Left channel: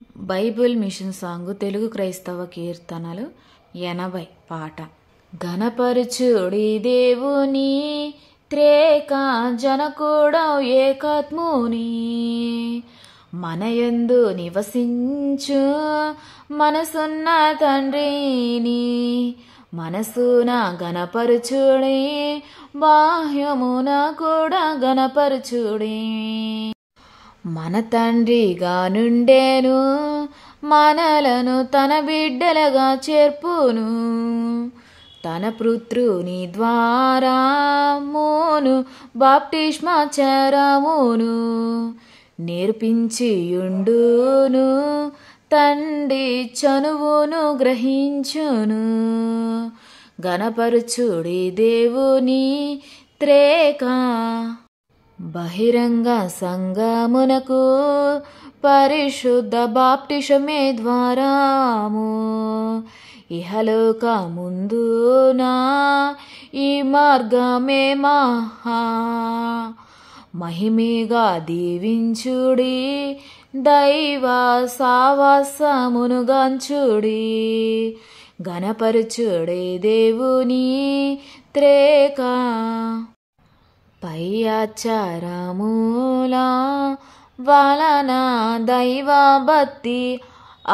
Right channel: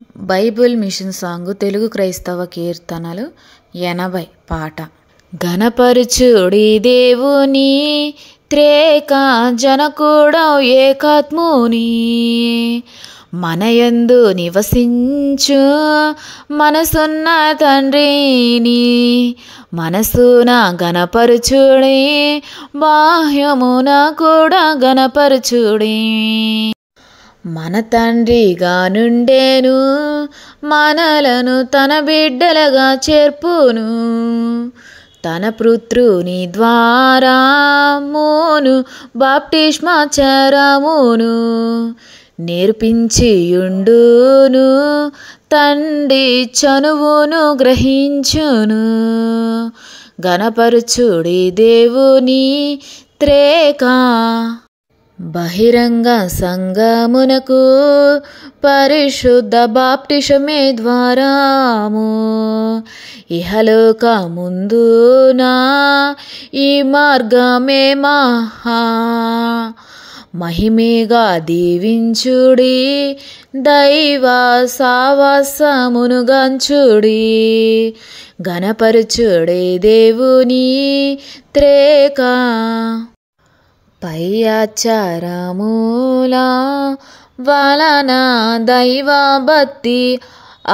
Bible machine song Telugu క్రైస్తవ కీర్తనలు 80 పాట. ఘనపరచుడి దేవుని త్రేక జనకుడౌ ఏకాత్ముని, మనయందు నివసించు మనసున్న తండ్రిని, మనసున గణపరచుడి బాహ్యమున కూడా గణపరచుడి. మన తండ్రిగా నుండేను, మనలను తన బిడ్డలుగా చేర్పును, తన పుత్రుని ద్వారా మోను బాప్టిస్మాచరమును నేర్పించియుండును, తండ్రి చనువును గ్రహించును. గణపరచుడి దేవుని త్రేక బహిరంగ సంగమునకు పరిశుద్ధ బాప్టిషమే ద్వారము, ఇహలోక ముందునా ఈ మార్గమే మహా మహిమేగా దీవించుడి, దైవ సావాసమును గంచుడి. గణపరచుడి దేవుని త్రేక పై ఆచారముల వలన దైవ భక్తి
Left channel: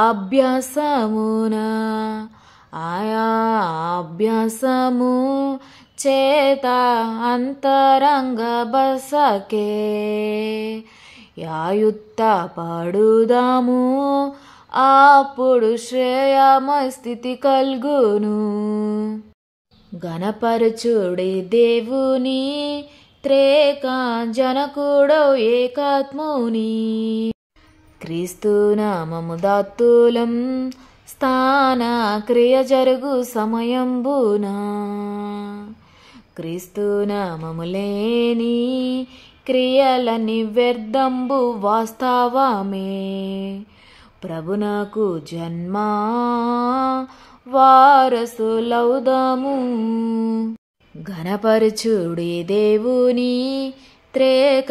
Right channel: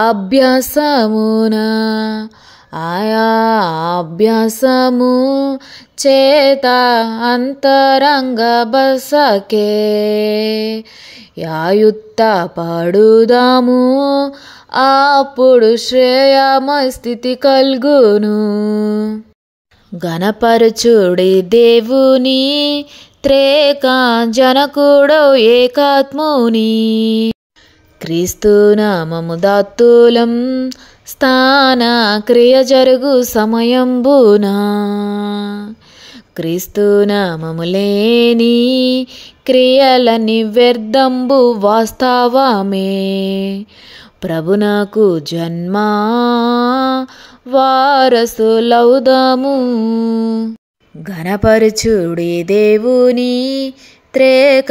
అభ్యాసమున, ఆయా అభ్యాసము చేత అంతరంగ బసకే యాయుత్త పడుదాము, అప్పుడు శ్రేయమయ స్థితి కల్గును. గణపరచుడి దేవుని త్రేక జనకుడౌ ఏకాత్ముని, క్రీస్తు నామము దాత్తులం స్థాన క్రియ జరుగు సమయంబున, క్రీస్తు నామము లేని క్రియలని వ్యర్థంబు వాస్తవమే, ప్రభునకు జన్మ వారసులౌదాము. గణపరచుడి దేవుని త్రేక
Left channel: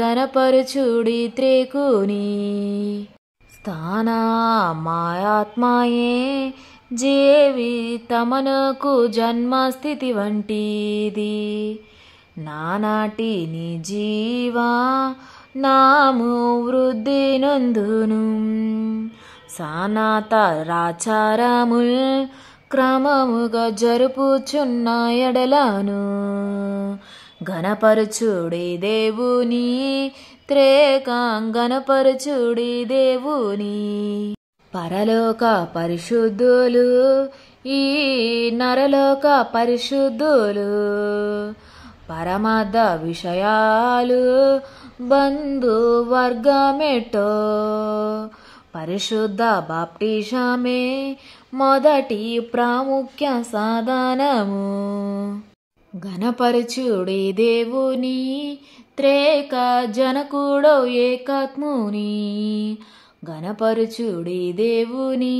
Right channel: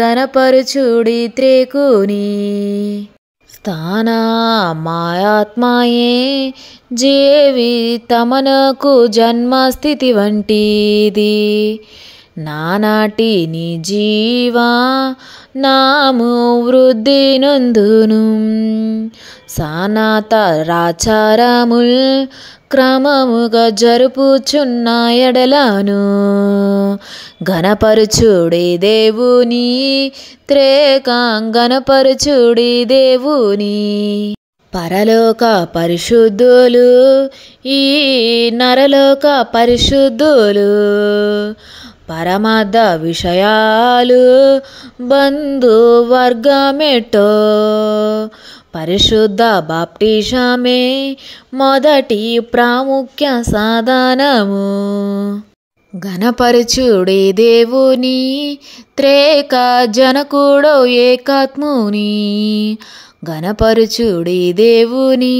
గణపరచుడి త్రేకుని, స్థానమాయాత్మయే జీవితమనకు జన్మస్థితి వంటిది, నానాటి నీ జీవా నాము వృద్ధి నందును, సనాతనాచారముల్ క్రమముగా జరుపుచున్న ఎడలను. గణపరచుడి దేవుని త్రేక గణపరచుడి దేవుని, పరలోక పరిశుద్ధులు ఈ నరలోక పరిశుద్ధులు, పరమార్థ విషయాలు బంధువర్గమెట్టో, పరిశుద్ధ బాప్టిజమే మొదటి ప్రాముఖ్య సాధనము. గణపరచుడి దేవుని త్రేక జనకుడౌ ఏకాత్ముని, గణపరచుడి దేవుని.